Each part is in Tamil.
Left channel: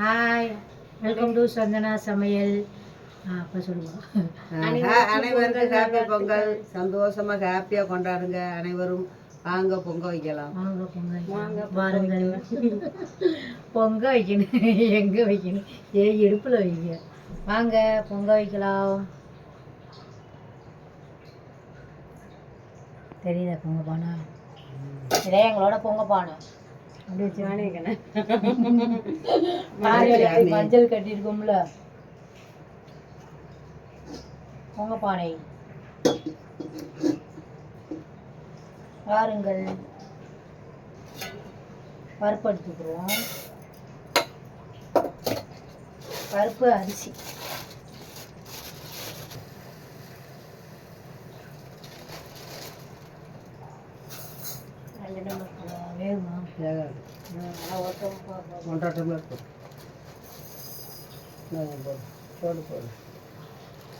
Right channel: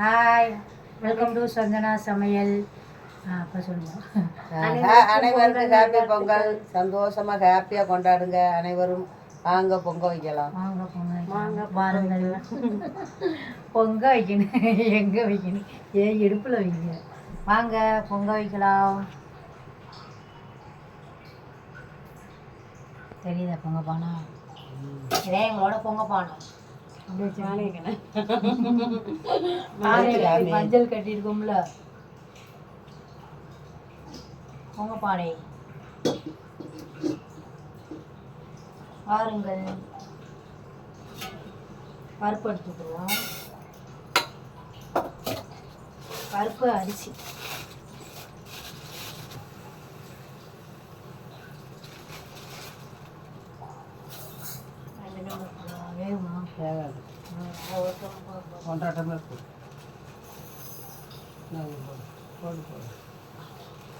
ஹாய், வெல்கம் டு சந்தனா சமையல். அப்போ சொல்லுவோம். அனைவருக்கும் ஹாப்பி பொங்கல். சந்தோஷமாக ஹாப்பியாக கொண்டாடுங்க அனைவரும். வாங்க பொங்க வைக்கலாம். வாங்க பொங்க வைக்கலாம். வாருங்கள். பொங்க வைக்கணும். எங்கே வைக்கணும்? இடுப்பில் வைங்க. வாங்க பொங்க வைக்கலாம். தெரியுதா பொங்க பானை? இதே எங்களோட பொங்க பானை. மஞ்சள் கட்டியிருக்கோம்ல, பொங்க பானை. வாருங்கள், பருப்பு எடுத்துக்கிறோம். பருப்பு அரிசி வேகுமா? ஒன்றரை டம்ளர் போடு போடு.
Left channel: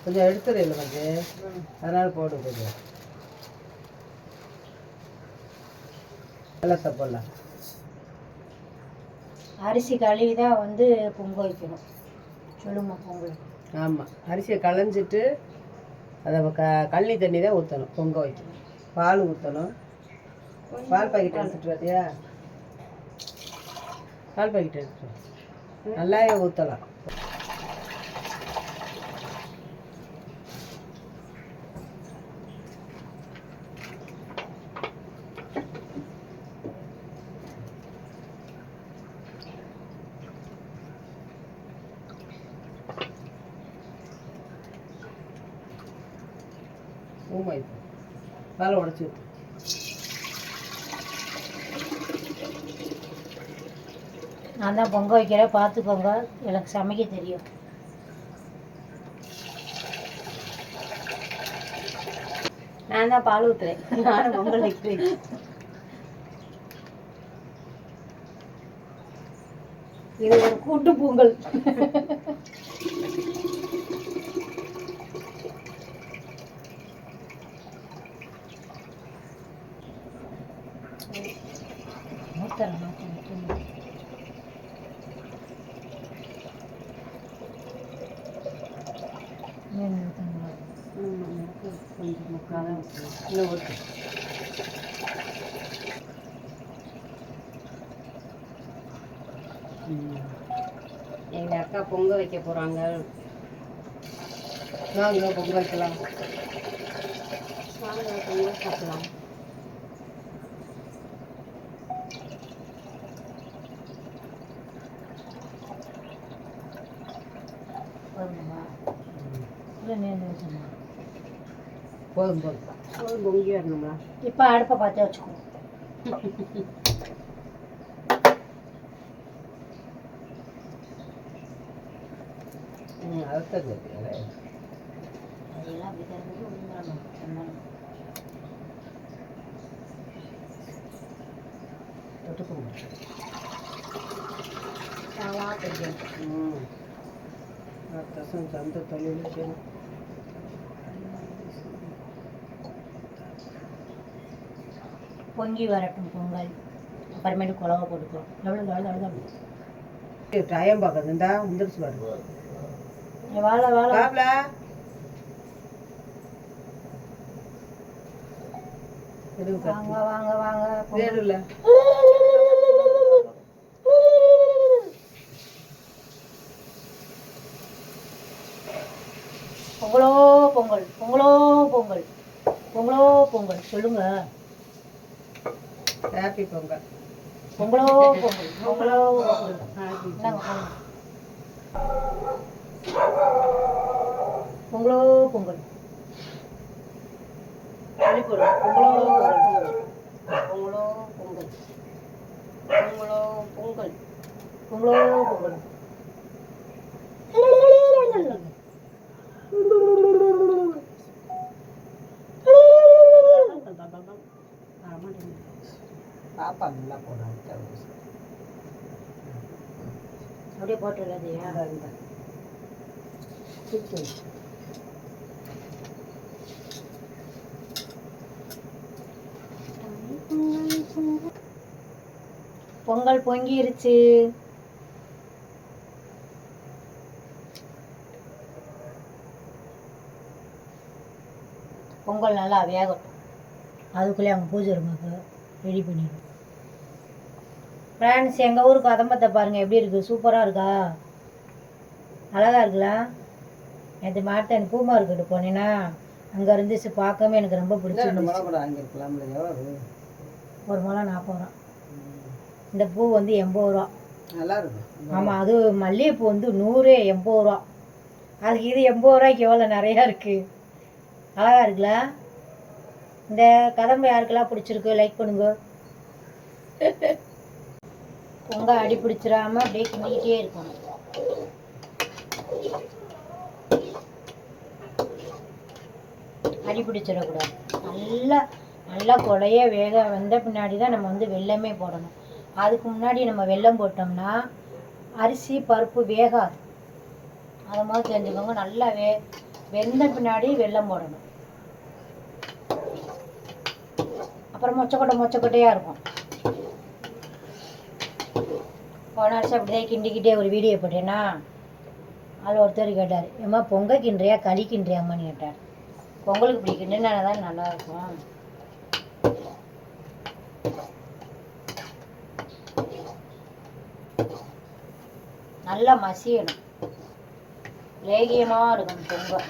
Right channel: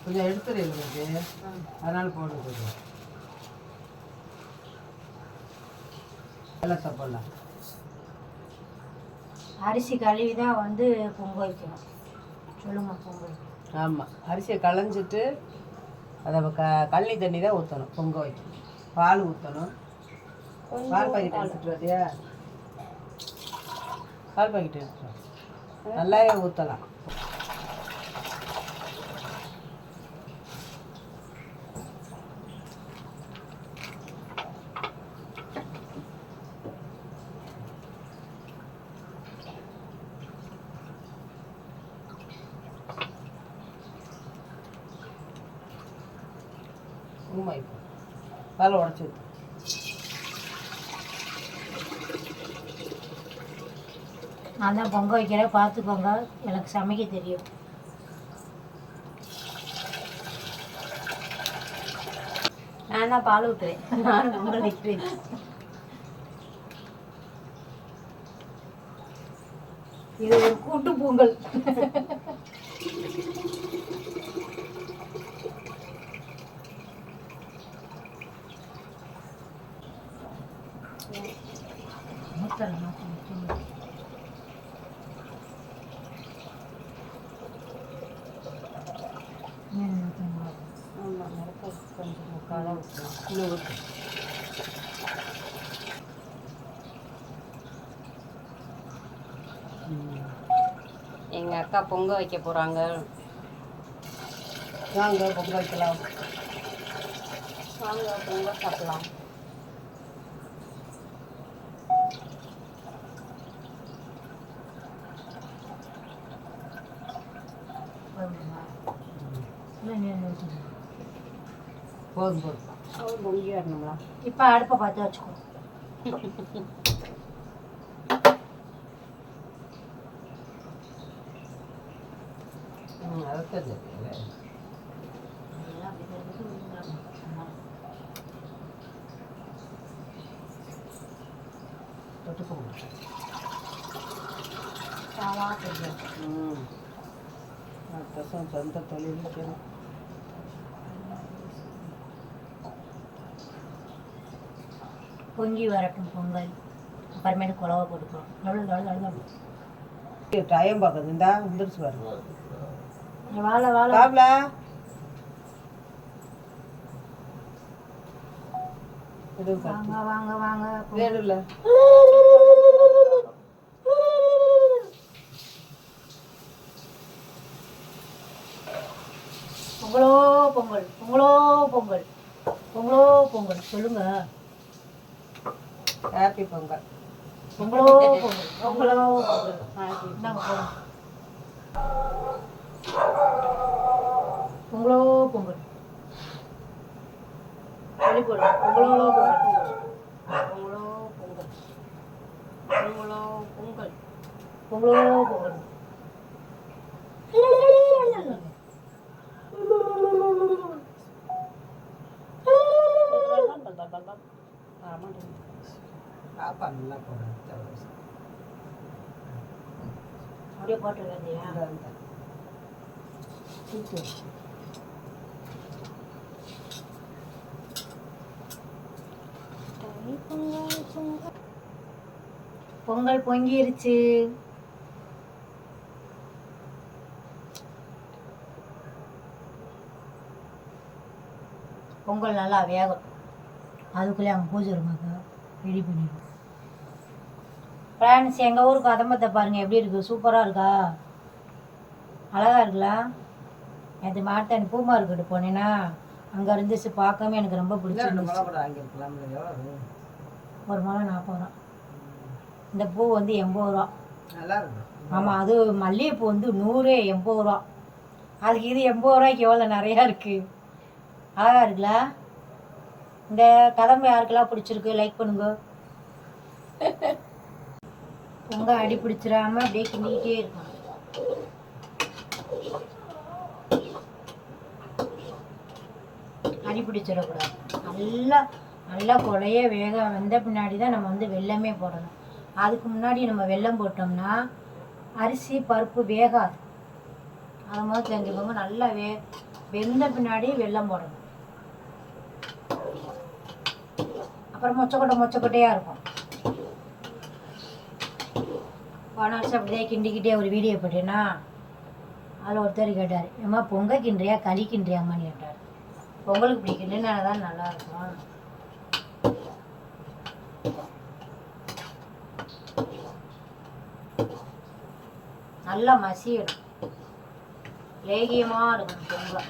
கொஞ்சம் எடுத்துரு வந்து, அதனால் போடு கொஞ்சம். வெள்ளத்தை போடலாம். அரிசி கழுவி தான் வந்து பொங்க வைக்கணும். சொல்லுங்க பொங்கல். ஆமாம், அரிசியை களைஞ்சிட்டு அதை கள்ளி தண்ணி தான் ஊற்றணும். பொங்க வைக்கணும். பால் ஊற்றணும். பால் பாக்கெட் எடுத்துட்டு வரியா? பால் பாக்கெட் எடுத்துட்டு நல்லாவே ஊற்றலாம். பாலை உடச்சி ஊற்று. நான் தான் பொங்க வைக்கிறேன், பார்த்துக்கோங்க. எனக்கு சமைக்க தெரியும். நான் தான் பால் ஊற்றுறேன். நானும் பொங்கல் வைக்கிறேன். இது ஒரு கூட்டு பொங்கல். எங்க அக்கா பொங்க வைக்க போறாங்க. வாங்க பொங்க வைக்கலாம். வாங்க பொங்க சாப்பிடலாம். போதும் போதும். பொங்கி வரணுங்களா? இப்போ அடுப்பை பார்த்து வச்சுக்கோ. சொந்த தொழில் பொங்கி வரட்டும் பொங்கல். அப்புறமேட்டு குழவை போட்டுக்கிறோம். எவ்வளோ டைம் பார்க்குது. இந்தா வந்துருச்சு பாருங்க. வாழை வாழை வாங்க வாங்க வாங்க. வேணும்ல பொங்கலோ பொங்கல், பொங்கலோ பொங்கல், பொங்கலோ பொங்கல். சொல்லுங்க. ஹாப்பி பொங்கல். பொங்கலோ பொங்கல், பொங்கலோ பொங்கல். பொங்கலோ பொங்கல். பொங்கலோ பொங்கல், பொங்கலோ பொங்கல், பொங்கலோ பொங்கல், பொங்கலோ பொங்கல். பாப்பா நல்லா போடுறாங்க. அப்படியே போட்டுருக்காதியா? பொங்கல் பொங்கிருச்சு. பொங்கல் நல்லா வேகட்டும். அதுக்குள்ளே அவங்க பூஜை ரூமுக்கு ரெடி பண்ணிடுவோம். ஃப்ரெண்ட்ஸ், எங்கள் ஊர் கதம்பத்தை பாருங்கள் எப்படி இருக்குது, சூப்பராக இருக்கா, அழகாக இருக்குல்ல. நேற்று மார்த்தாணி பூ மார்க்கெட்டு போனேன்னா அங்கே இருந்துச்சு, பார்க்கவே எனக்கு ரொம்ப பிடிச்சிருந்துச்சு. ஒரு முளம் 40 ரூபா. இந்த பூ வந்து 80 ரூபா. நல்லா இருக்கு. ஆமாம், அது மல்லிகைப்பூ வந்து 180 ரூபா. அதுக்கு இது 80 ரூபாய்க்கு எவ்வளோ நிறையா இருக்குது, அழகாக இருக்குல்ல. இந்த கதம்பு யாருக்கெல்லாம் பிடிச்சிருக்கு லைக் பண்ணுங்க. பொங்கல் அடி பிடிச்சிடாம அப்படியே கிண்டிக்கிட்டே இருக்கணும். அடி பிடிச்சிடக்கூடாது. நல்லா நல்லா கொலைய வேக வந்த பின்னாடி தான் நம்ம வந்து வெல்லமே போடணும். அதுக்கு முன்னாடி நம்ம வெல்லம் போட்டோம்னா அரிசி பருப்பு வேகாது. அதை மாதிரி தெரிஞ்சுக்கோங்க. நல்லா வெந்த பின்னாடி வெல்லம் போடணும். அப்புறம் மொச்சக்கொட்டையாக இருக்கும். போன வருஷம் அப்படியே கிண்டிக்கிட்டே ஒரு வீடியோ போட்டேன்னா அதில் ஒருத்தர் கேட்டார், ஏம்மா பொங்கல் கிண்டுறியா களி கிண்டுறியாம்மான்னு கேட்டார். பொங்கலுக்கு இப்படி கிண்டுனா தான் நல்லாயிருக்கும். நல்லா மசியணும், லேகியமாக இருக்கணும். பொங்கல்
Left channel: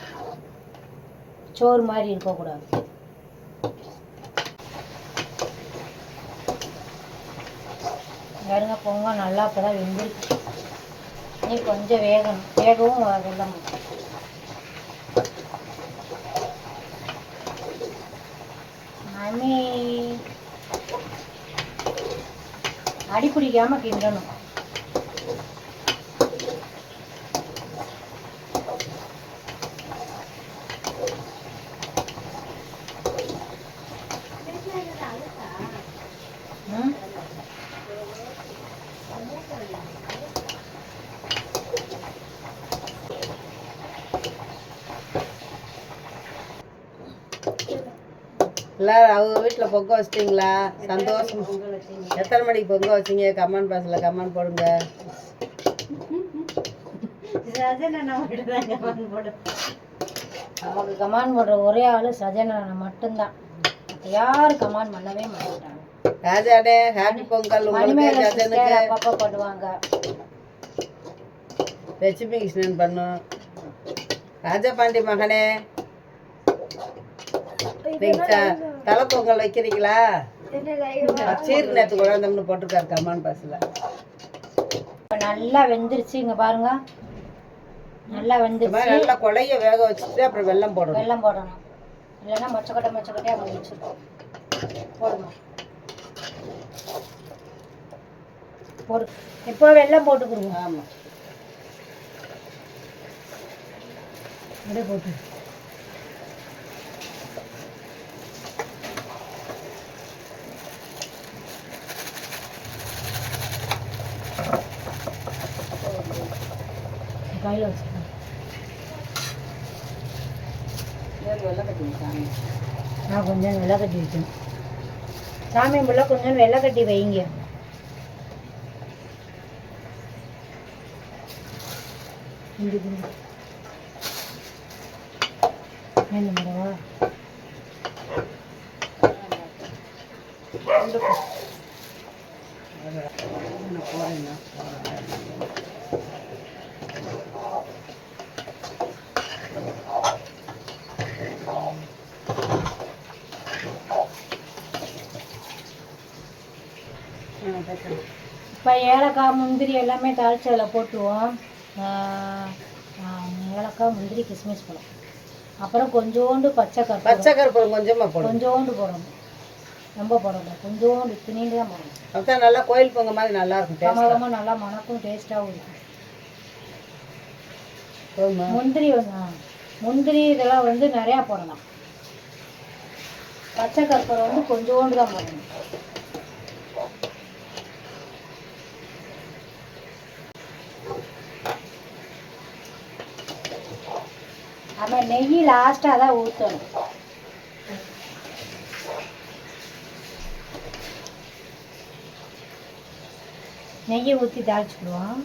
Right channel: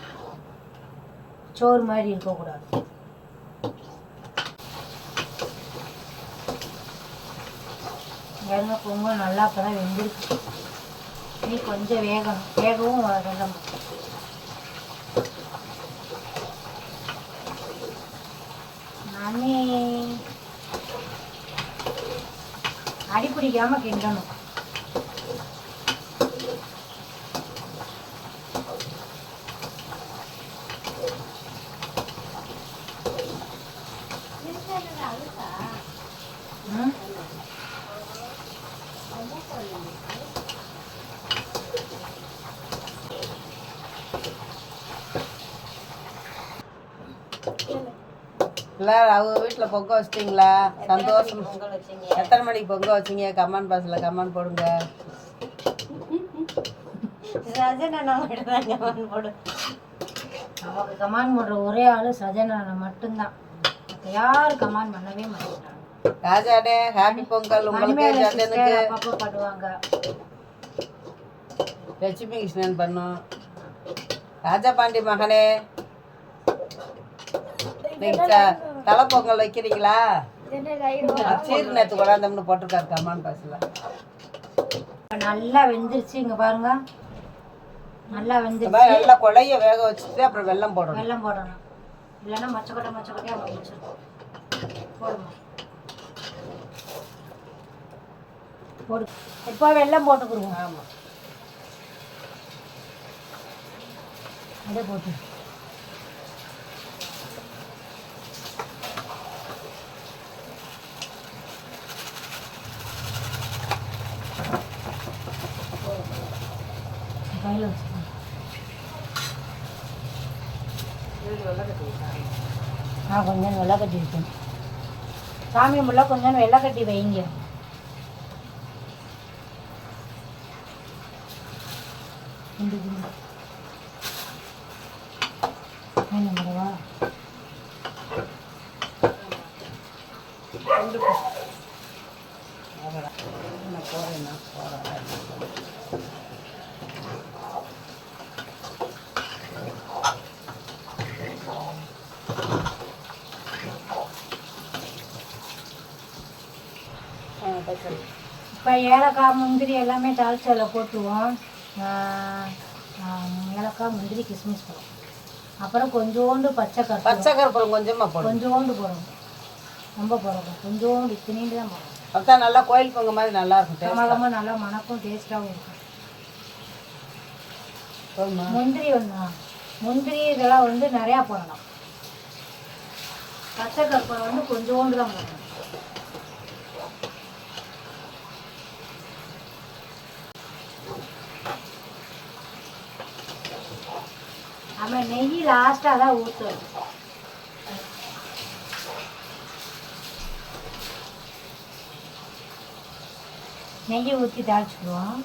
சோறு மாதிரி இருக்கக்கூடாது. பாருங்க, பொங்கல் நல்லா இப்போ தான் வெந்திருக்கு. நீ கொஞ்சம் வேகவும் வெல்லம் மாமி அடி பிடிக்காமல் கிண்டணும். எல்லாரும் அவங்க வீட்டில் பொங்கல் வச்சிட்டிங்களா? சந்தோஷம். எத்தனை மணிக்கு பொங்கல் வச்சிங்க? கமெண்ட் பாக்ஸில் கமெண்ட் போடுங்க. நமக்கு கமெண்ட் போடுற ஒரே ஆள் சஜனா மட்டும்தான். யாரும் கமெண்ட் பண்ணவே மாட்டாங்க. ராஜாடே ஹாப்பி பொங்கல். உங்களுக்கு அப்பப்போ பண்ணுவாங்க. லட்சுமி கிருஷ்ணன் பண்ணும். ராஜா பாண்டி மகனே, தலை பொங்கல் வைக்கிறீங்களா? சீர் நேற்று கொண்டாந்தோம்னு போட்டிருக்காரு கமெண்ட் பாக்ஸில். நல்லா வெந்துருச்சு. இங்கே பாருங்க, நல்லா வெந்துருச்சு. நல்லா கொலைய வேக வச்சுட்டு அப்புறம் வெல்லம் போடணும். வெல்லம் போடணும், இல்லைன்னா மொச்சக்கொட்டையாக முடிச்சிருக்கோம். போடுங்க, போடு. இப்போ வெல்லம் போட்டுக்குருங்க. ஆமாம், அப்படியே போட்டு கையில் வச்சுக்கோங்க. கொஞ்சம் வெள்ளை கட்டி வைக்கணும். சாமி முள்ள கொஞ்சம் வெள்ளை கட்டி வைங்க. வேணுங்களா? இப்போ ஏலக்காய் முந்திரி எல்லாமே தாளிச்சு அதில் போட்டுருவோம். ஏலக்காய் முந்திரி கிஸ்மிஸ் பழம், அப்புறம் கொஞ்சோண்டு பச்சை கற்பூரம் கொஞ்சமாக போடணும். கொஞ்சோண்டு போடணும், ரொம்ப போடணும். கொஞ்சோண்டு இத்தினிண்டு தான் போடணும். அக்கா நல்லா கோயில் பொங்க மாதிரி நல்லா இருக்கும். கமகமாக நல்லா மணக்கும், டேஸ்ட்டாகவும் இருக்கும். முந்திரி இதெல்லாம் வந்து நிறையா போடணும். பச்சை கற்பூரம் வந்து கொஞ்சோண்டு தான் போடணும். ஆமாம், நெய் லாஸ்ட்டாக தான் ஊற்றணும். நெய்யை ஊற்றி தாளிச்சுக்குவோம்.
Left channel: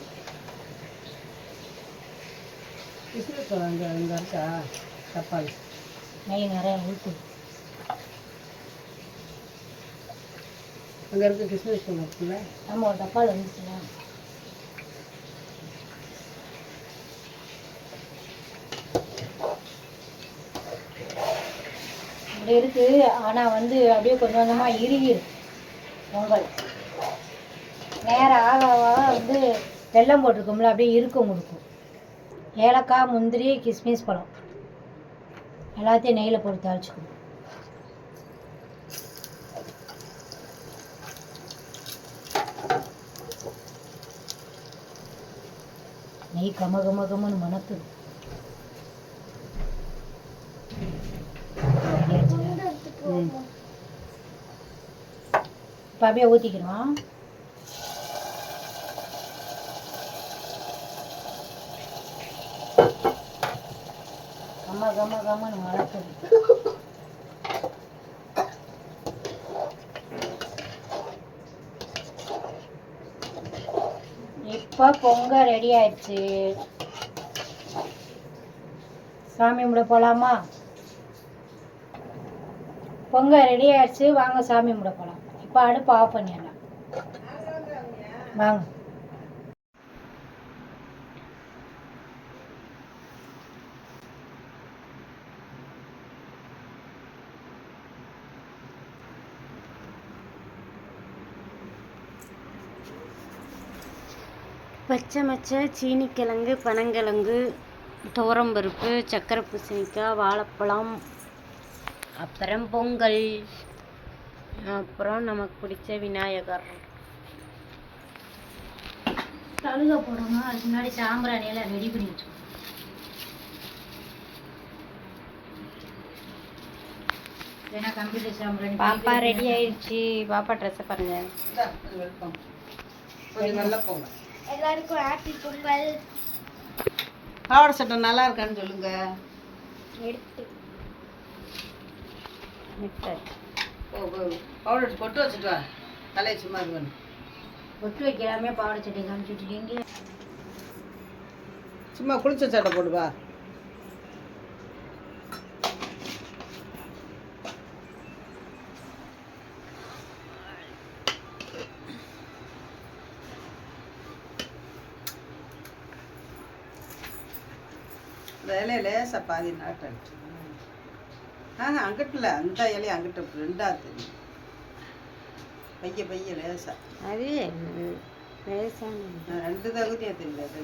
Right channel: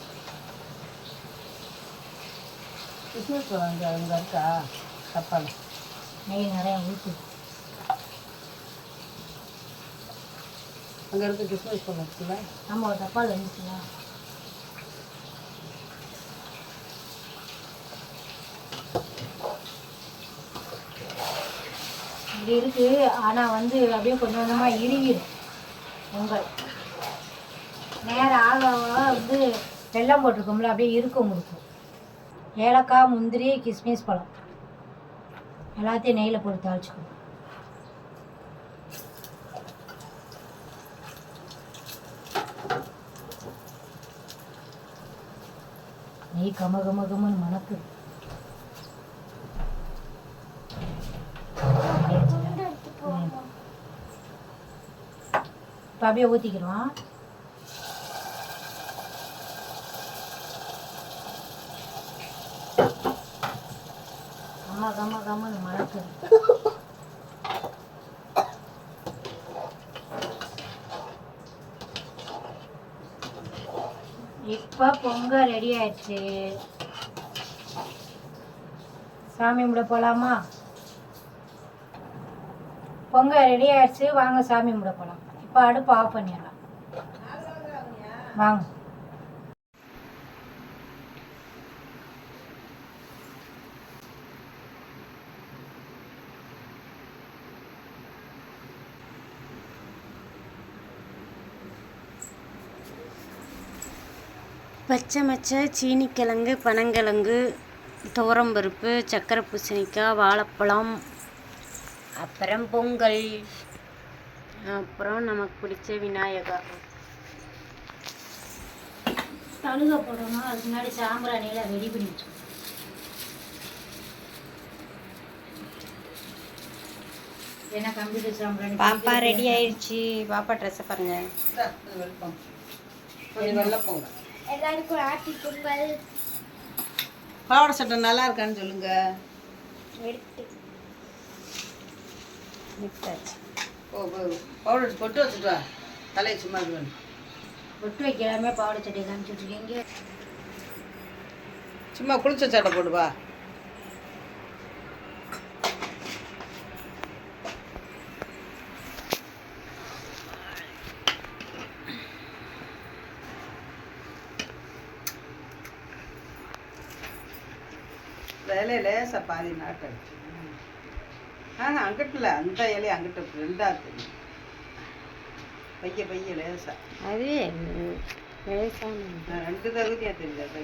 கிஸ்மிஸ் அங்கே இருக்கா தப்பாளி நெய் நிறையா ஊற்றி அங்கே இருக்க கிறிஸ்மஸ் பொங்கல் இருக்குல்ல, நம்ம ஒரு டப்பாவில் வந்துச்சுல. இப்படி இருக்கு. ஆனால் வந்து அப்படியே கொஞ்சம் கொஞ்சமாக இறுகிடும் பொங்கல். நேரம் ஆக ஆக வந்து வெல்லம் போட்டிருக்கோம்ல, அப்படியே இருக்கும் கொடுக்கும். ஏலக்காய், முந்திரி, கிஸ்மிஸ் பழம் எல்லாத்தையும் நெய்யில் போட்டு தாளிச்சுக்கணும். நெய் கம கம கமன்னு மணக்குது. இப்போ அப்படியே ஊற்றிக்கிறோம். கம கம கமன்னு மணக்குது. இப்போ பொங்கல் ரெடி ஆயிடுச்சு. சாமி கும்பிட போகலாமா? பொங்கல் ரெடி ஆயிடுச்சு, வாங்க சாமி கும்பிட போகலாம். இப்போ அடுப்பு ஆஃப் பண்ணிடலாம். வாங்க. பச்சை மச்சை, சீனிக்கிழங்கு, பனங்கிழங்கு, துவரம்பருப்பு, சக்கரை பூசணிக்காய், வாழைப்பழம், அப்புறம் பொங்கல், அப்புறம் நமக்கு பிடிச்ச விநாயகா. கழுக போடணும். அதுக்கு முன்னாடி சாம்பிராணியில் ரெடி பண்ணி வச்சுக்கணும். ஏன்னா கம்ப்யூட்டர் சாம்பிராணி. பாப்பா ரெடி ஆயிடுச்சு. பாப்பா ட்ரெஸ்ஸை பாருங்க. வெள்ளம் பொங்கல். எல்லாருக்கும் ஹாப்பி பொங்கல். பாவாடை சட்டை நல்லா இருக்கான்னு சொல்லுங்க. எடுத்தாச்சு. பவுடர் பொட்டு வச்சுட்டு வா, தலையை சும்மா இது பண்ணு. பொட்டு வைக்கலாமே பாவாடை சட்டை காமிச்சிட்டு இருக்கீங்க. சும்மா குளிச்ச சட்டை போடு வா. இந்த இலையை லேசாக பாதி நாட்டு அடிச்சு. அங்கிட்டில் அந்த இலையை அங்கிட்ட ரெண்டாக தெரியும். பைய லேசா. அது லேசான 2 தகுதியாக தெரியுது. அது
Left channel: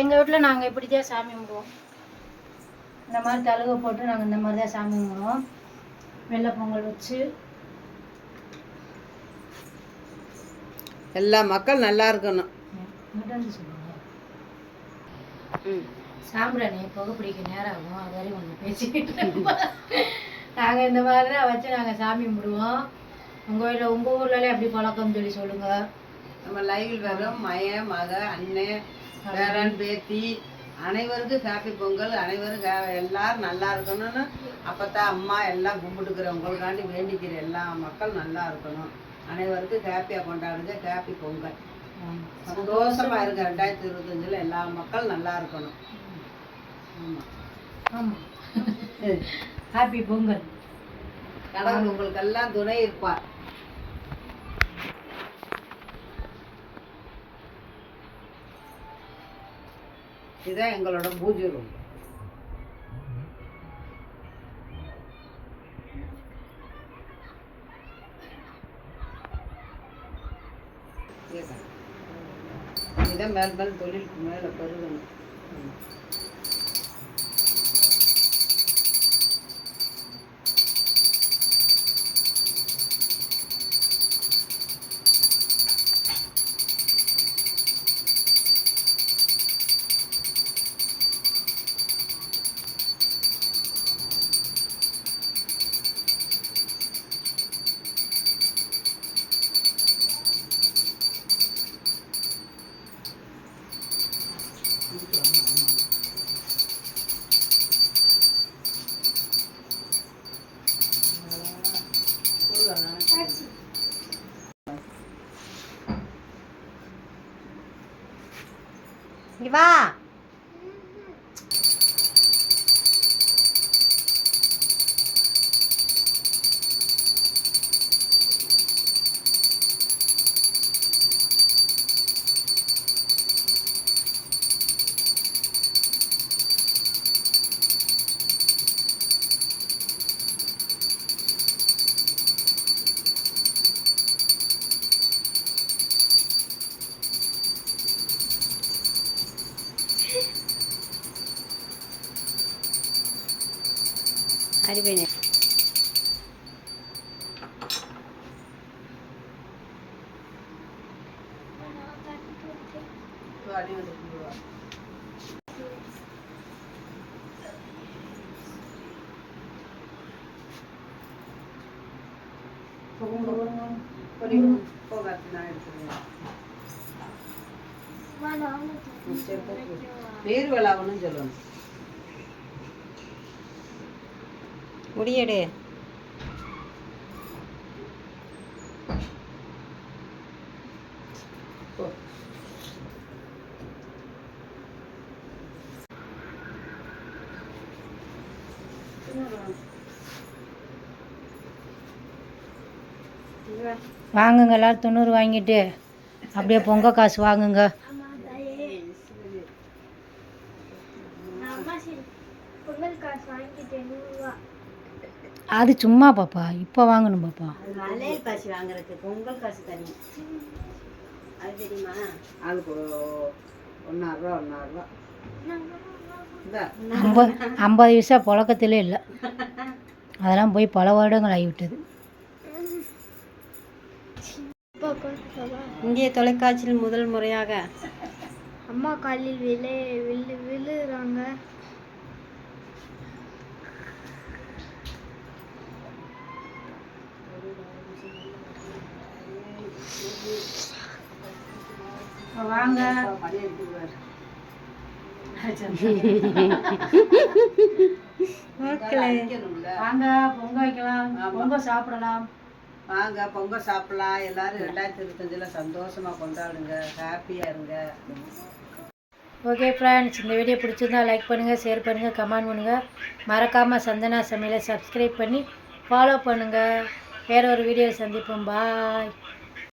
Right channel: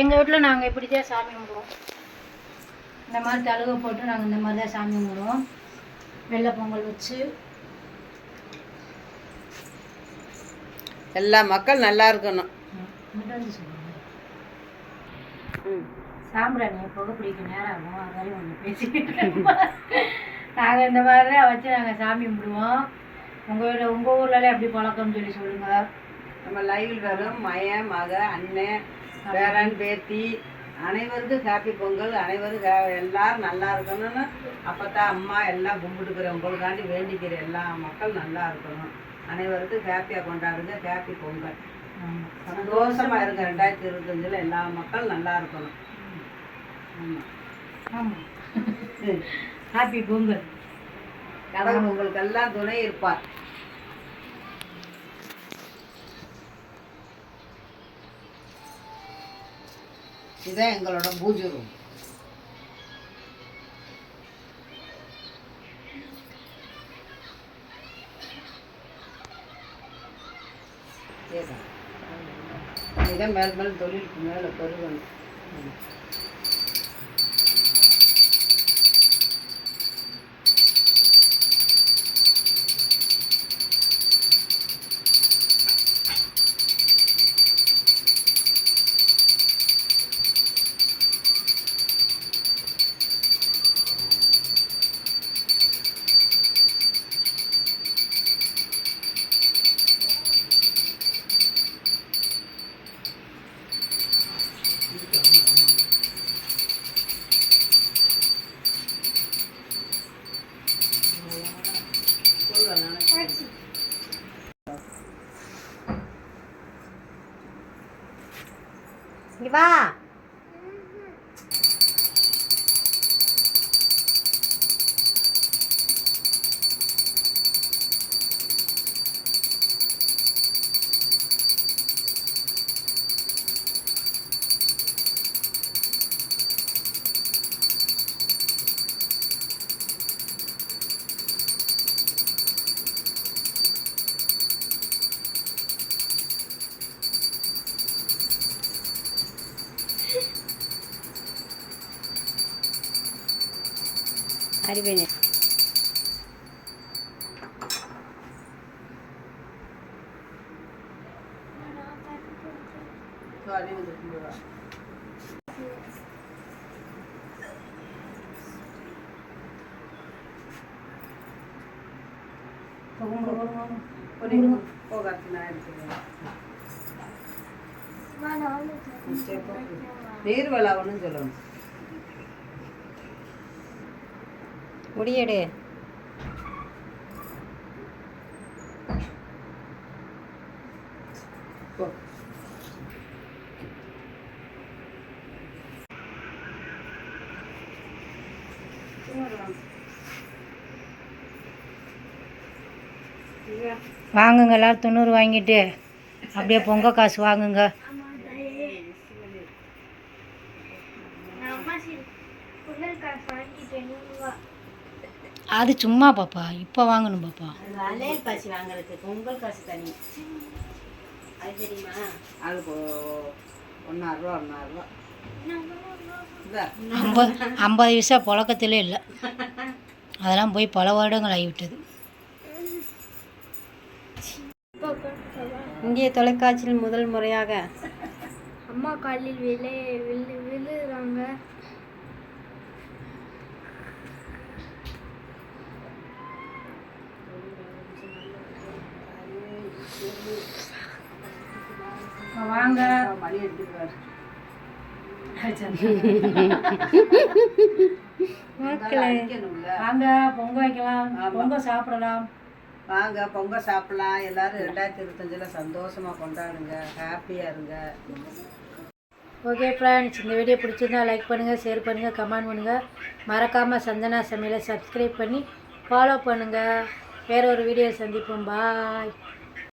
எங்கள் வீட்டில் நாங்கள் இப்படி தான் சாமி கும்பிடுவோம். இந்த மாதிரி தழுகை போட்டு நாங்கள் இந்த மாதிரி தான் சாமி கும்பிடுவோம். வெள்ளை பொங்கல் வச்சு எல்லா மக்கள் நல்லா இருக்கணும். மட்டும் வந்து சொல்லுங்கள். சாம்பிராணி புகை பிடிக்க நேரம் ஆகும். அதாலே ஒன்று பேசிக்கிட்டு நாங்கள் இந்த மாதிரி தான் வச்சு நாங்கள் சாமி கும்பிடுவோம். உங்கள் ஊர்லலாம் எப்படி பழக்கம்னு சொல்லி சொல்லுங்கள். நம்ம லைவில் வரும் மயன், மக, அண்ணன், பேரன், பேத்தி அனைவருக்கும் ஹாப்பி பொங்கல். அனைவரும் எல்லாரும் நல்லா இருக்கணும்னு அப்பத்தான் அம்மா எல்லாம் கும்பிட்டுக்கிறேன். உங்களுக்காண்டி வேண்டிக்கிற எல்லா மக்கள் நல்லா இருக்கணும். அனைவருக்கும் ஹாப்பியாக கொண்டாடுங்க. ஹாப்பி பொங்கல். சந்தோஷமா இருங்க. 2025 எல்லா மக்கள் நல்லா இருக்கணும். ஆமாம் ஆமாம். ஹாப்பி பொங்கல். கடவுள் உங்களுக்கு எல்லாம் துணை இருப்பார். இதுதான் எங்களோட பூஜை ரூம். இதுதான் மேல் மேல் தொழிலுக்கு மேலே பெருகணும். இங்க வா. அடிப்பேனே. அடி வந்து வா. போகாது நான் எடுத்துக்கிறேன். நீர் விளாவணும் சொல்லணும். முடியெடு. போ. வாங்குங்க எல்லாரும் 90 வாங்கிட்டு அப்படியே பொங்கல் காசு வாங்குங்க. அது சும்மா பாப்பா, இப்போ வாங்கணும் பாப்பா. அது வளையல் காசு வாங்குறதுக்கு பொங்கல் காசு தனி. அது தெரியுமா? அது ₹1.5 ₹1.5 இந்த 50 பைசா புழக்கத்திலே இல்லை. அதெல்லாம் போய் பல வருடங்கள் ஆகிவிட்டது. இந்திய தொலைக்காட்சியில் முதல் முறையாக அம்மா காலில் விழுறாங்க. வாங்க மணி எடுத்துக்குவார். வாங்க பொங்கல் வைக்கலாம், பொங்கல் சாப்பிடலாம். வாங்க பொங்கல் சாப்பிடலாம். எல்லாரும் 2025 சந்தோஷமா கொண்டாடுங்க, ஹாப்பியா இருங்க. ஓகே ஃப்ரெண்ட்ஸ், இந்த வீடியோ பிடிச்சிருந்தா லைக் பண்ணுங்கள், ஷேர் பண்ணுங்கள், கமெண்ட் பண்ணுங்கள். மறக்காமல் சந்தனா சமையலை சப்ஸ்கிரைப் பண்ணி ஃபாலோ பண்ணுங்கள். வேற ஒரு வீடியோ சந்திப்போம். பாய்.